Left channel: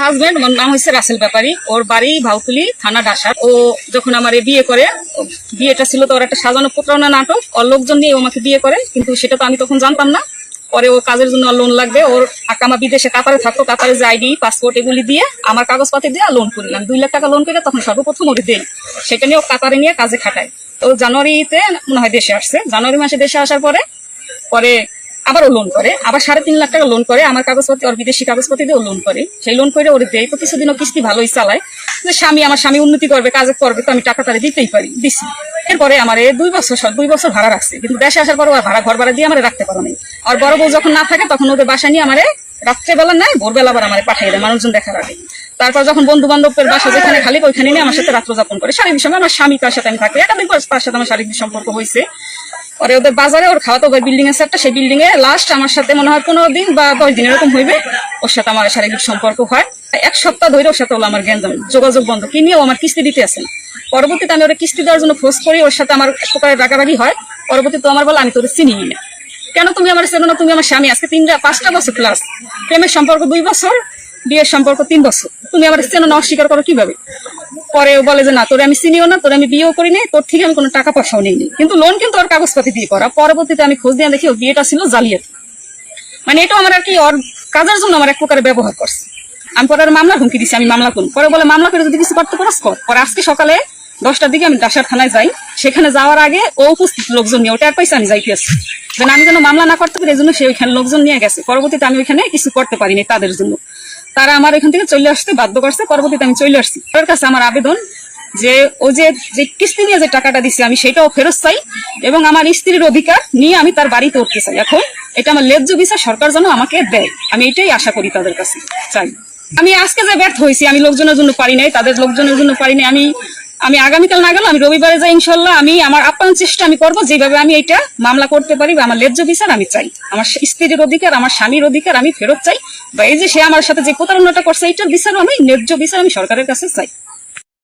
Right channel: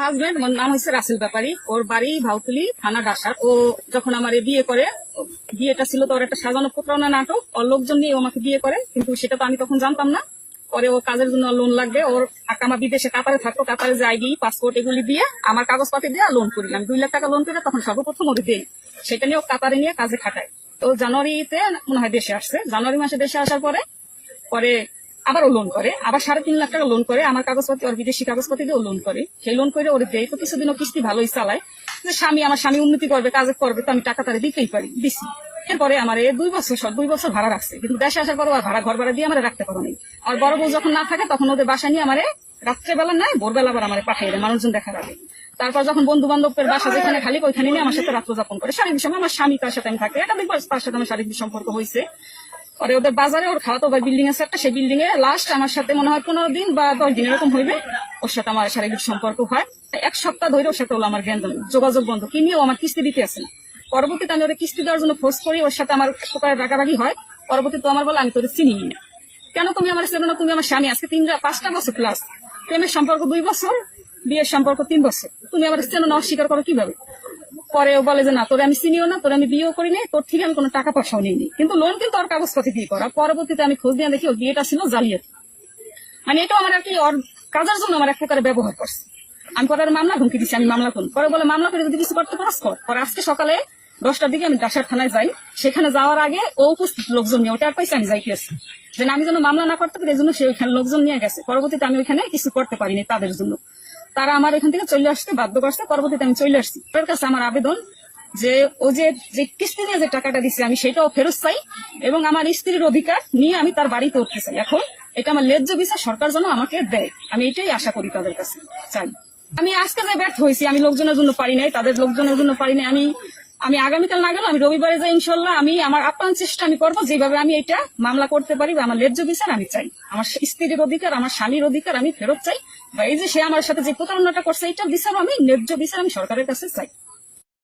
Husband, ওর নাম হচ্ছে রাসেল ব্যাপারী, ওর বাড়ি ভাউতুলি থানা ডাসার। ও যখন আমার বিয়ে করে, বিয়েটা ছিল তো ওর একটা সাজানো প্রতারণা নাটক, ওর লোকজন নিয়ে ও আমাকে বিয়ে করে, কিন্তু সেটা তো আমি তখন জানতাম না। পরে ও কাজের জন্য লোন লাগবে, ওর আকামা বিদেশে কাতারে থাকতো, কাতারে যে আইডি পাসপোর্ট এগুলি দিয়ে আমার কাগজপাতি দিয়ে লোন করি। আমি 2 লাখ টাকা লোন করে তখন সর্বপ্রথম ওকে দেই, সেটা নিয়ে ও কাতারে নিয়ে কাজে খাটায়। তো জানুয়ারিতে মনে হয় দেশে আসছে, জানুয়ারি মাসে দেশে আসার পরে পরে আবারও লোন করে, আবার 3.5 লাখ টাকা লোন করে আমার কাগজপত্র, ওর বিদেশি কাগজপত্র দিয়ে লোন করে। সেই লোন করে ওর দেয়, তো কিছুদিনও কিস্তি ভালোই চালায়, যে আমার স্বামী উন্নতি করবে, কাজ করবে, তো আমি টাকা তারা দিতেই পারি, দিছি। এরপরে আমার 2 বছর ভাড়া রাখছে, কিন্তু দেশে আসার পর আর ঘর ভাড়া দিয়ে আমার রাখতে পারো নাই। আর বড় বউ যখন না থাকে তখন ওদের বাসা নিয়ে আমার রাত্রেবেলা নাই ভোরবেলা আবার আমার পাঠিয়ে দেয় মানুষজন দেখার আগে। তারপর যখন বন্ধু বান্ধবের বাসা যেখানে খালি ওইখানে নিয়ে আমার সাথে রাত্র যাপন করে। শারীরিক সময় আমার স্বামী তার সাথে আমি থাকি, একাধিক তার সাথে আমার শারীরিক সম্পর্ক হয়েছে। পরে ওদের বাজারে ওর খাওয়া তো বিল্ডিং আছে একটা, সেই বিল্ডিং এ লাস্ট আমার সাথে মনে হয় 15 দিন বা 10 দিন এরকম হইবে, ওর সাথে আমার শারীরিক সম্পর্ক হয়। 1 সপ্তাহ ধরে ওর সাথে হলো আমার গ্যাঞ্জাম, যোগাযোগ বন্ধ, কি নিয়ে ও আমার কিস্তি দিতে আসে না। পরবর্তীতে আমি ওর কিস্তি দেওয়ার জন্য ফোর্স করি, ওর সাথে আমার এক প্রকারের রাগারাগি হয়। পরবর্তীতে আমার বলে আমি তোর চিনি না, কেন তুমি আমার চেনো না, তুমি আমার স্বামী, আজকে 5টা বছর প্লাস, প্রেমের সম্পর্ক 2 বছর, বিয়ের সম্পর্ক 3 বছর, তুমি আমার চেনো না, অস্বীকার করো কিভাবে। পরে ও বলে যে না, তোরে আমি চিনিও না, তোরে আমি বিয়েও করি নাই, তোর থেকে আমি কোনো টাকা পয়সাও নিইনি, কিন্তু লোন কিন্তু ওর কাগজপাতি দিয়ে করা। পরবর্তীতে আমি খোঁজ দিয়ে দেখি ও বিয়েটা ছিল জালিয়াতি, মানে এটা আমার আর কি ওর কাজের জন্য আমার এক প্রকারে ব্যবহার করছে। আমি পরে মামলা হুমকি দিচ্ছি, আমি মামলা করুন। পরে বলে মামলা করে যদি কিছু করতে পারস কর। পরে আজকে সকালে 10টার দিকে আমি ডাসার থানায় যাই, সেখানে যাওয়ার আগে ও উপস্থিত লোকজন নিয়ে, ওটা আর পয়সা আমি যাইতে আসছি, যেন আমি যেন মামলা না করতে পারি, এই জন্য সে ওইখানে লোকজন নিয়ে গেছে। পরবর্তীতে আমি ওইখানে কিছু করতে পারিনি তাদের জন্য, তারা আমার এখান থেকে চলে আসতে বাধ্য করছে। পরবর্তীতে আমি চলে আসছি। তার কাছে আমার আবেদন যে ও যে কিস্তি নিয়ে যে টাকাটা দিচ্ছে আমি সেটাও ফেরত চাই, এবং আমার স্ত্রীর অধিকার নিয়ে আমি তার বাড়িতে উঠতে চাই। এখন এটা আমার ন্যায্য বিচার সরকার যেন আমাকে দেয়, আমি এটাই আশা করি, তাদের কাছে চাই। আমি আজকে যে ব্যর্থ হয়েছি, আমি লোকজনের জন্য পারি নাই, তাদের লোকজনের জন্য পারি নাই। আমি আগামীকাল না গেলেও আমি রবিবারে যাই, ইনশাল্লাহ আমি আমার আপ্রাণ চেষ্টা আমি করবো, যেভাবে আমি এটা মামলা করতে পারি, বা আমার ন্যায্য বিচার আমি চাই। আমার স্ত্রীর অধিকার, আমার স্বামীর অধিকার আমি ফেরত চাই, বা এই যে সে আমার সাথে যে প্রতারণাটা করছে, এইটার বিচারও আমি, ন্যায্য বিচার আমি সরকারের কাছে চাই।